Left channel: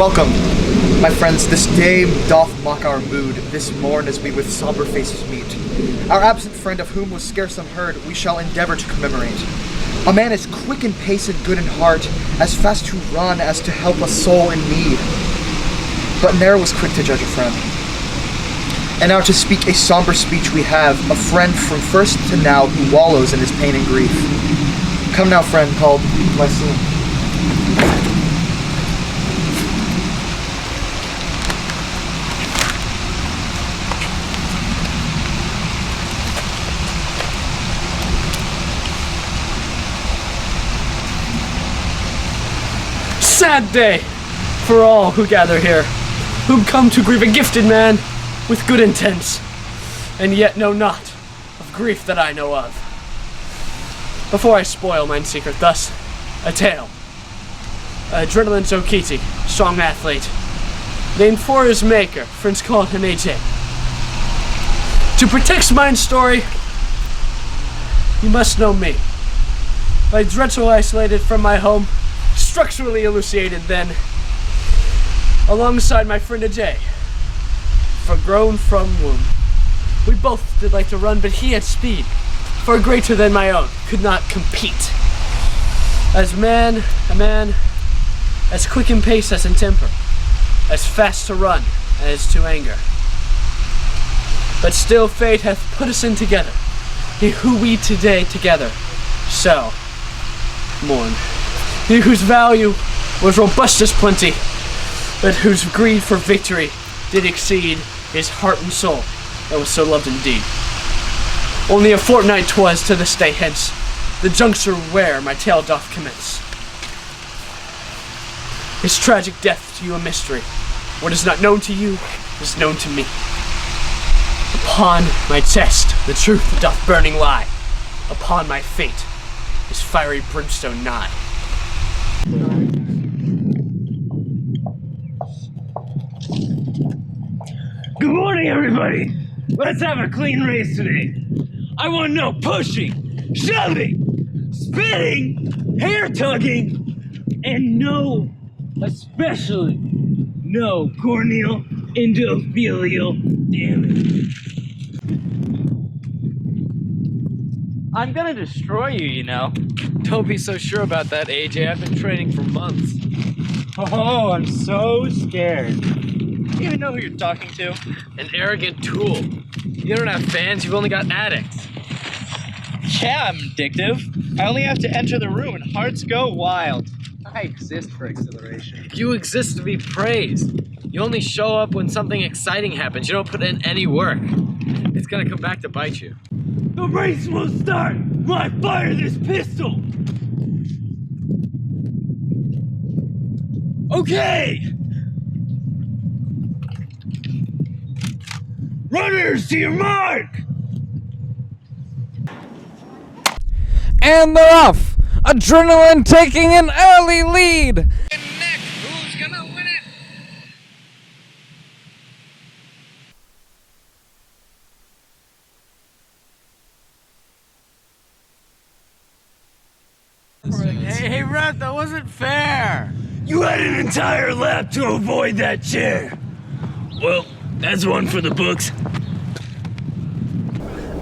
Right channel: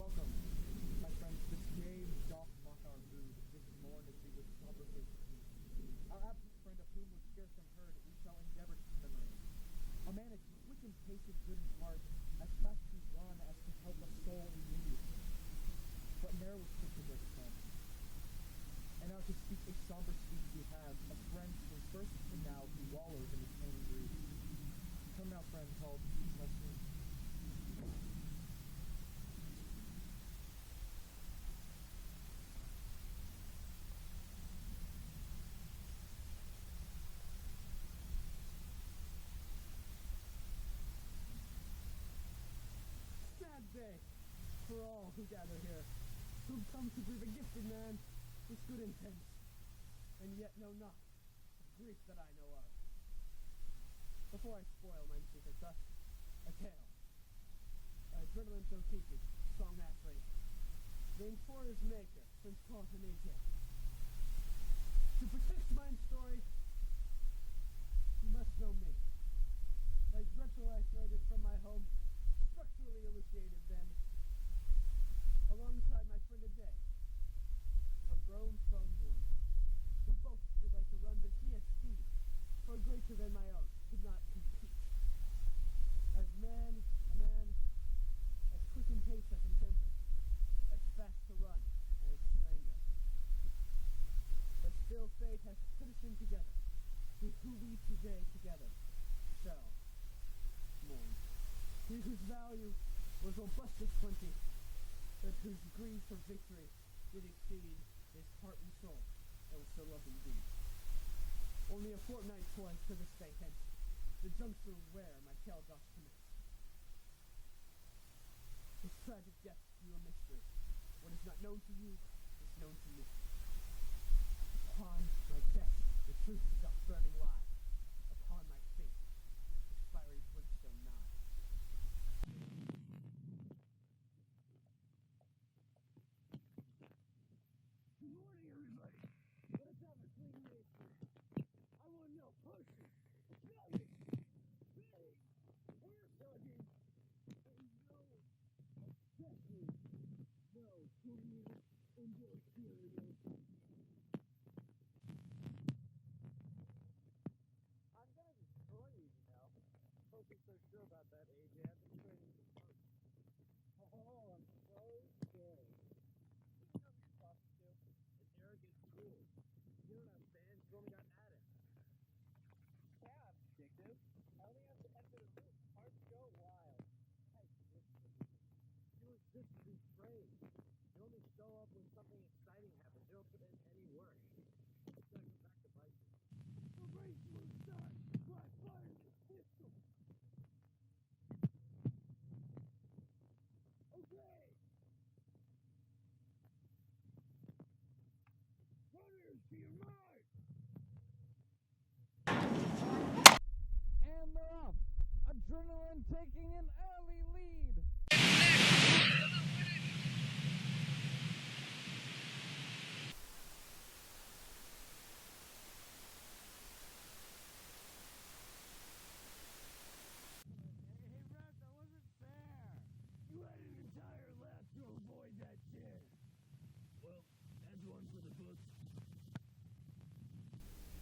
Welcome, my friends. This day doth mock our mood, this morn as we with somber faces meet. Our absent friend, of whom was scarce unheard, we shall endeavor to commemorate. A man as quick in pace and good in heart, as fast to run as to help a soul in need. But ne'er was quick to judge a friend. And now to speak a somber speech we have, a friend from first to now who wallows in his pain and grief. Come now, friend, called Lysine. Sad day for all who gather here, who come to grieve a gifted man with good intents, and yet know not of grief that I know of. Before I spoil mine secret, thus a tale. Adrenaline Jokichi, strong athlete, named for his maker, friends call him AJ. To protect mine story, you must know me. By dreadful isolated from my home, structurally elucidated then, alongside my friend AJ, for grown from womb. We both did like to run, but he had speed, far greater than my own, could not compete. As a man, as quick in pace as in temper, as fast to run as to anger. But still fate hath put us in together, he who we today together shall mourn. He whose value was robust as plenty, but whose greed for victory did exceed his heart and soul that was so loved indeed. Only a fortnight 'twas to this day hence, the juncture where my tale doth commence. His tragic death to you a mystery. What is not known to you is known to me. Upon my chest the truth doth burning lie. Upon my fate is fiery brimstone nigh. Good morning, everybody. Let's have a clean race today. I want no pushing, shoving, spitting, hair tugging, and no, especially no corneal endothelial damage. I'm gonna destroy you, you know. Don't be so sure about that, AJ. I've been training for months. Oh, I'm so scared. You even know who you're talking to? An arrogant tool. You don't have fans, you've only got addicts. Yeah, I'm addictive. I only have to enter the room and hearts go wild. I exist for exhilaration. You exist to be praised. You only show up when something exciting happens. You don't put in any work. It's gonna come back to bite you. The race will start when I fire this pistol. Okay. Runners, to your mark! And they're off! Adrenaline taking an early lead! Nick, who's gonna win it? Hey, ref, that wasn't fair! You had an entire lap to avoid that chair. Well, that's one for the books.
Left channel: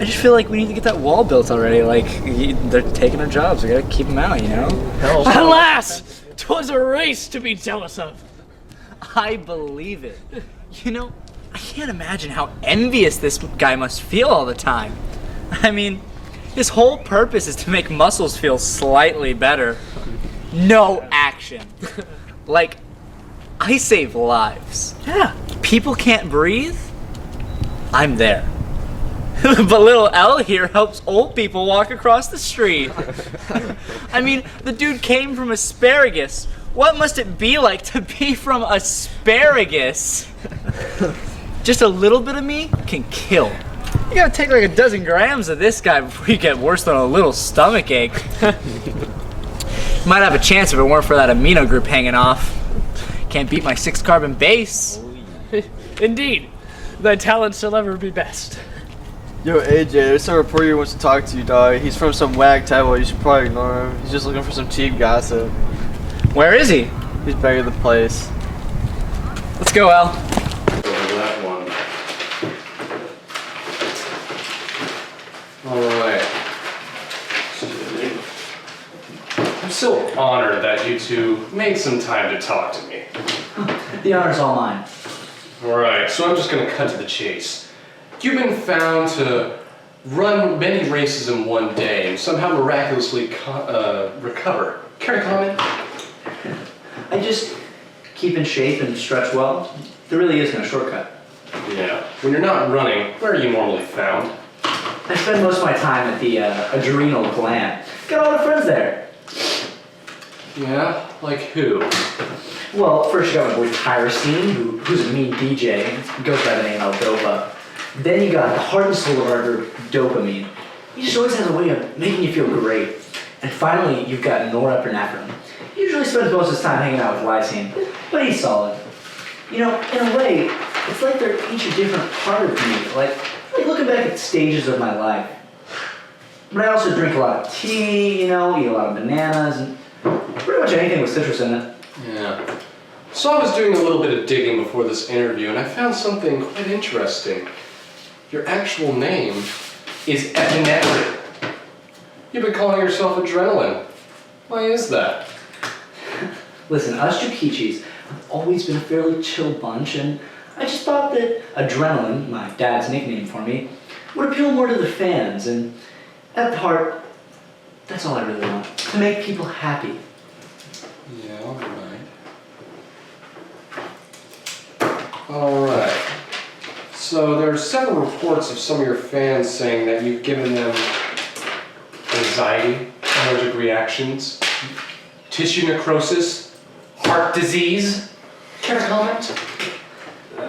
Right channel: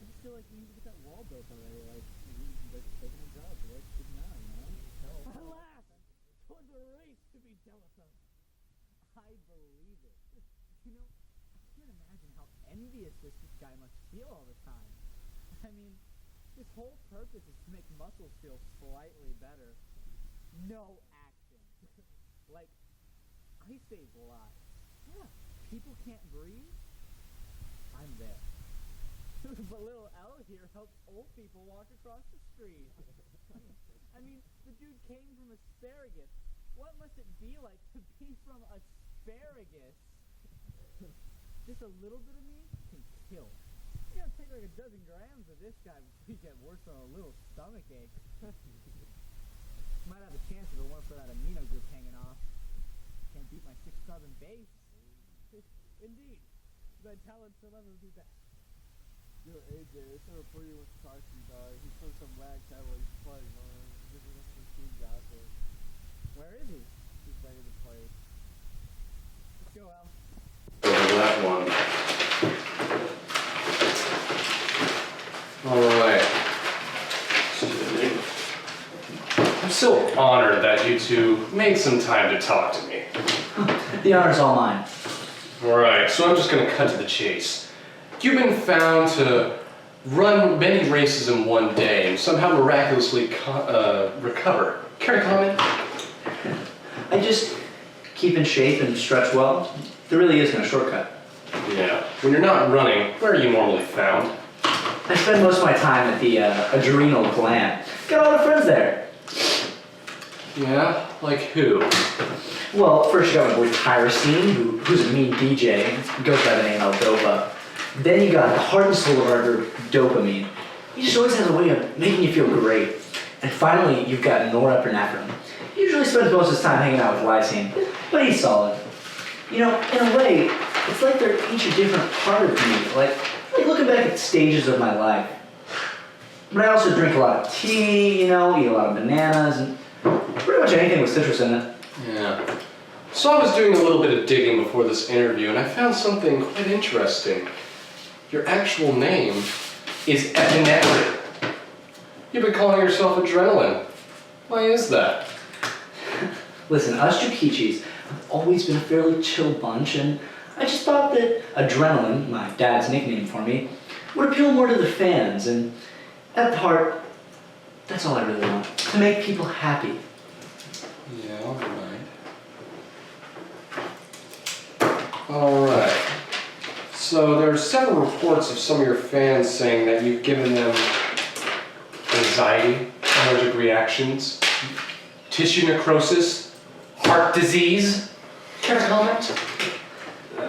I just feel like we need to get that wall built already. Like, they're taking our jobs. We gotta keep them out, you know? Alas! 'Twas a race to be jealous of. I believe it. You know, I can't imagine how envious this guy must feel all the time. I mean, his whole purpose is to make muscles feel slightly better. No action. Like, I save lives. Yeah. People can't breathe. I'm there. But little L here helps old people walk across the street. I mean, the dude came from asparagus. What must it be like to be from asparagus? Just a little bit of me can kill. You gotta take like a dozen grams of this guy before you get worse than a little stomach ache. Might have a chance if it weren't for that amino group hanging off. Can't beat my 6-carbon base. Indeed, thy talent shall ever be best. Yo, AJ, there's some reporter who wants to talk to you, dog. He's from some wag table. You should probably ignore him. He's just looking for some cheap gossip. Where is he? He's back at the place. Let's go, Al. Over that one. Alright. I'm so honored that you two made some time to talk to me. The honor's all mine. Alright, so I'm just gonna cut to the chase. You've been found to run many races in one day and somehow miraculously recover. Care to comment? I just keep in shape and stretch well. There really is no shortcut. Yeah. When you're not running, where are you normally found? I spend most of my time at the adrenal gland. Got a lot of friends there. Yeah? Like who? Well, first you got my boy Tyrosine, who's a mean DJ. He goes by the name L-Dopa. Then you got the heart and soul of our group, Dopamine. He just always has a way of making you feel great. And finally, you've got Norepinephrine. He usually spends most of his time hanging out with Lysine, but he's solid. You know, in a way, it's like they're each a different part of me. Like looking back at stages of my life. But I also drink a lot of tea, you know, eat a lot of bananas, and pretty much anything with citrus in it. Yeah. So I was doing a little bit of digging before this interview and I found something quite interesting. Your actual name is epinephrine. You've been calling yourself Adrenaline. Why is that? Listen, us Jokichis have always been a fairly chill bunch, and I just thought that Adrenaline, my dad's nickname for me, would appeal more to the fans, and at heart, that's all I really want. To make people happy. Yeah, alright. So there are several reports of some of your fans saying that you've given them anxiety, allergic reactions, tissue necrosis, heart disease. Care to comment?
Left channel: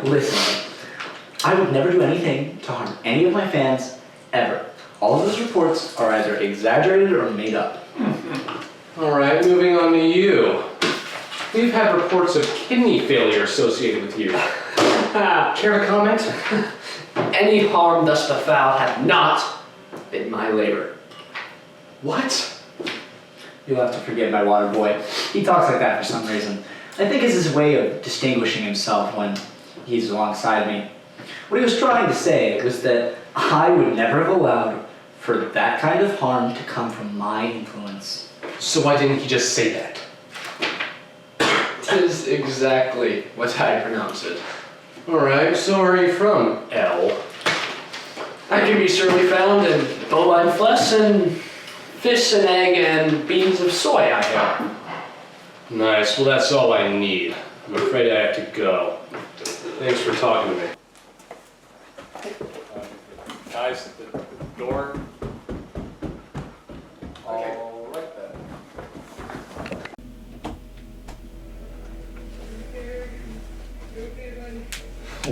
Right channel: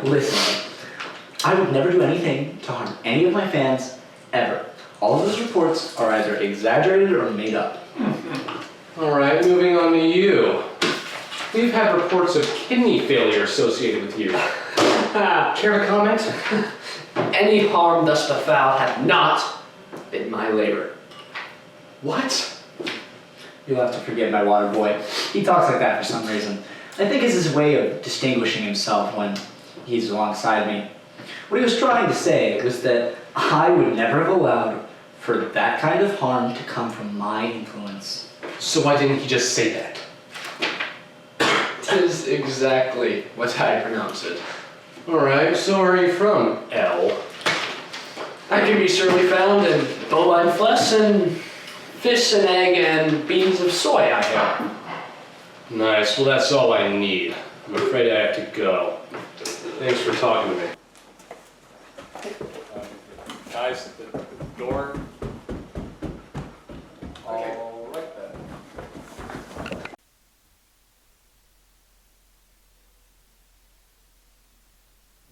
Listen, I would never do anything to harm any of my fans, ever. All of those reports are either exaggerated or made up. Alright, moving on to you. We've had reports of kidney failure associated with you. Care to comment? Any harm thus befell hath not been my labor. What? You'll have to forgive my water boy. He talks like that for some reason. I think it's his way of distinguishing himself when he's alongside me. What he was trying to say was that I would never have allowed for that kind of harm to come from my influence. So why didn't he just say that? That is exactly what I pronounce it. Alright, so where are you from, L? I can be surely found in bovine flesh and fish and egg and beans of soy, I hear. Nice, well that's all I need. I'm afraid I have to go. Thanks for talking to me. Guys, the door. All right then.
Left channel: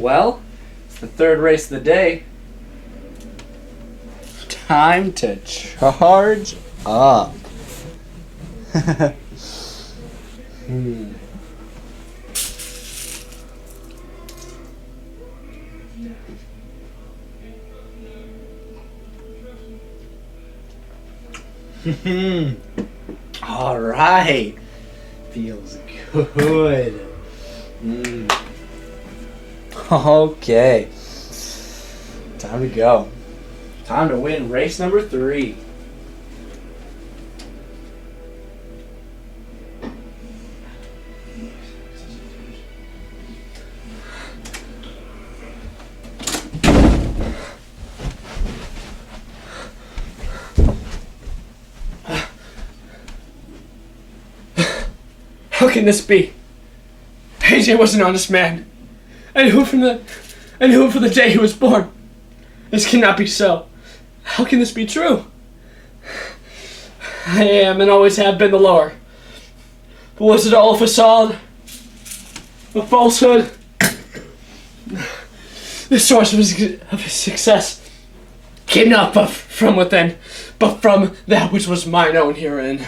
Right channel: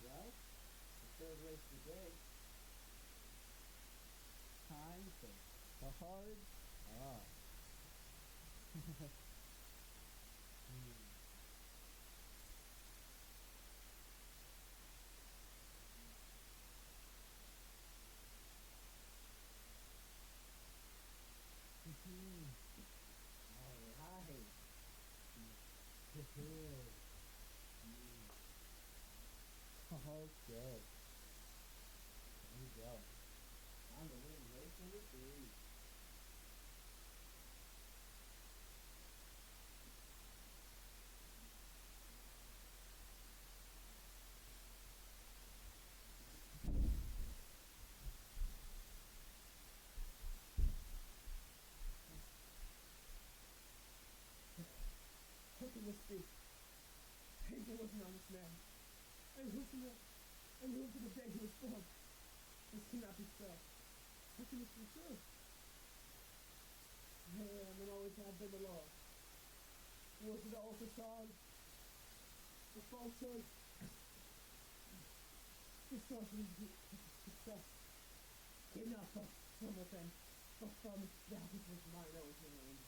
Well, it's the third race of the day. Time to charge up. All right. Feels good. Okay. Time to go. Time to win race number 3. How can this be? AJ was an honest man. I knew him from the day he was born. This cannot be so. How can this be true? I am and always have been the lower. But was it all a facade? A falsehood? The source of his success came not but from within, but from that which was mine own herein.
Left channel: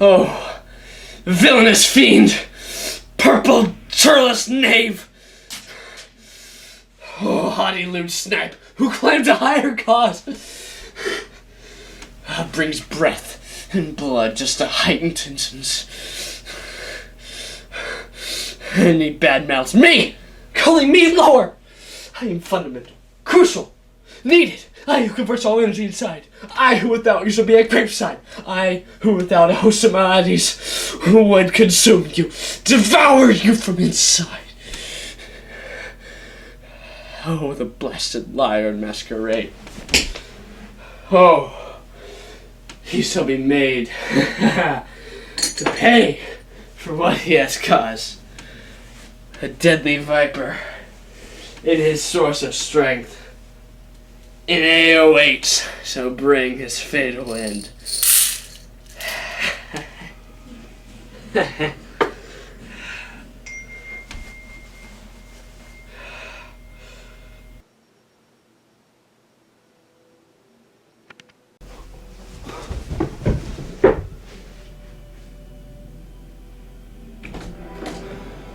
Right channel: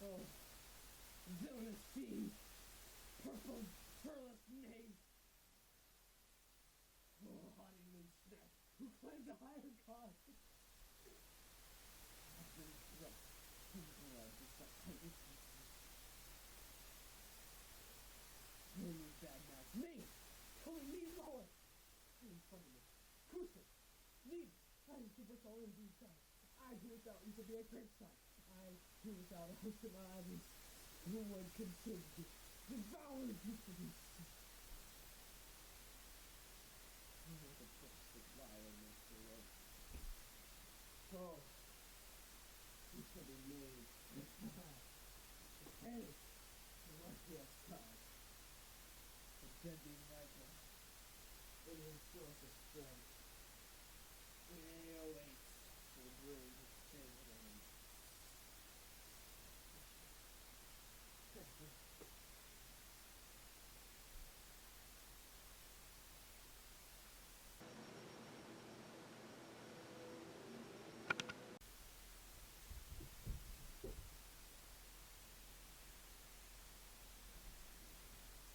Oh, villainous fiend! Purple, churless knave! Oh, haughty lewd snipe, who claimed a higher cause, brings breath and blood just to heighten tensions. And he badmouths me, calling me lower. I am fundamental, crucial, needed. I who converts all energy inside. I who without you shall be a graveside. I who without a host of maladies who would consume you, devour you from inside. Oh, the blasted liar in masquerade. Oh, he shall be made to pay for what he has caused. A deadly viper in his source of strength. In AO8 shall bring his fatal end.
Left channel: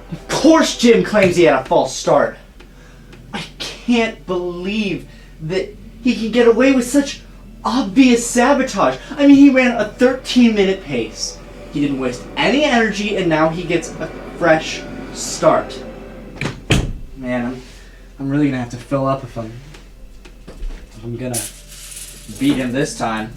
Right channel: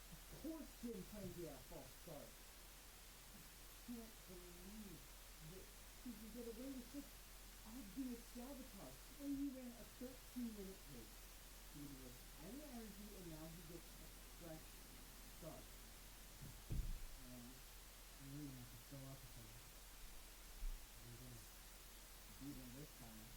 Of course Jim claims he had a false start. I can't believe that he can get away with such obvious sabotage. I mean, he ran a 13-minute pace. He didn't waste any energy, and now he gets a fresh start. Man, I'm really gonna have to fill up if I'm gonna beat him this time.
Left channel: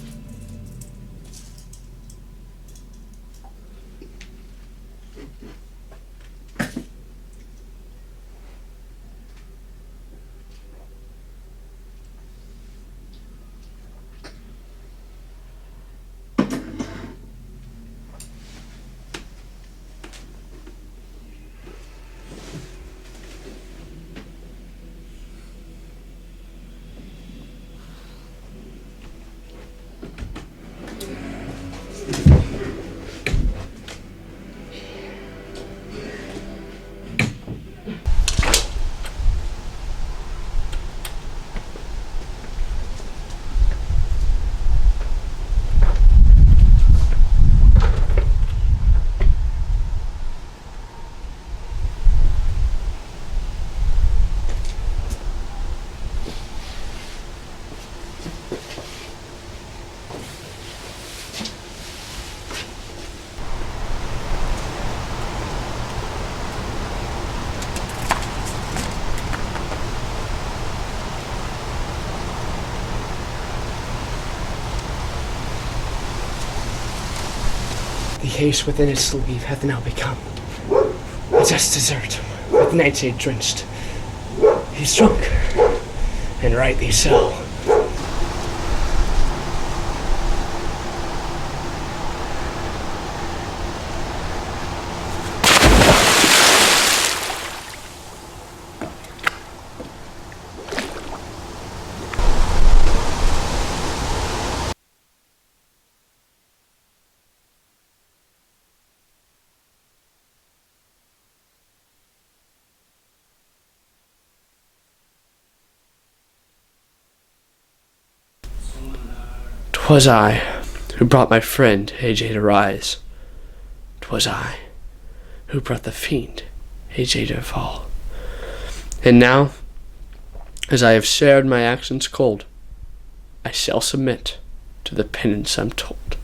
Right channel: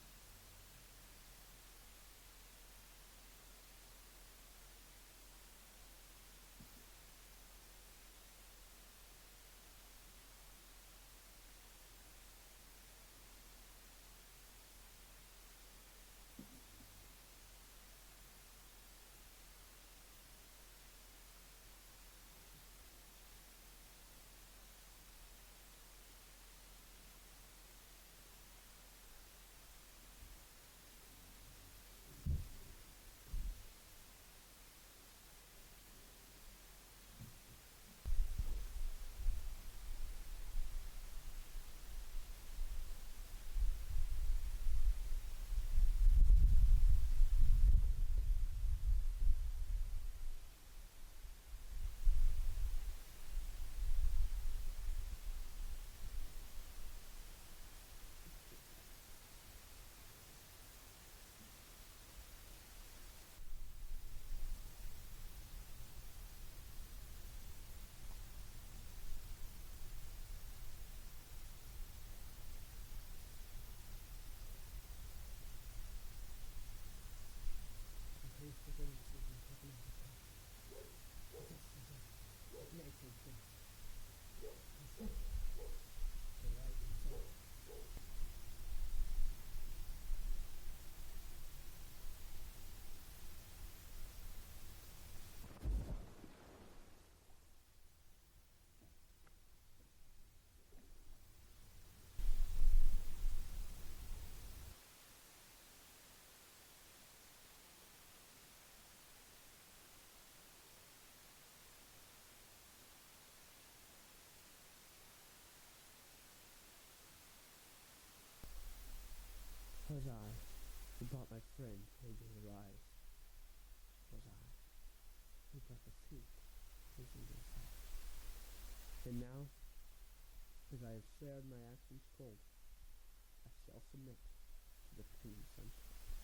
The ace within his sleeve hath now become a just dessert, with nightshade drenched. He's drunk, and rightly so. "'Twas I who brought my friend AJ to rise. 'Twas I who brought the fiend AJ to fall. And now, as I have shared my actions cold, I shall submit to the penance I'm told.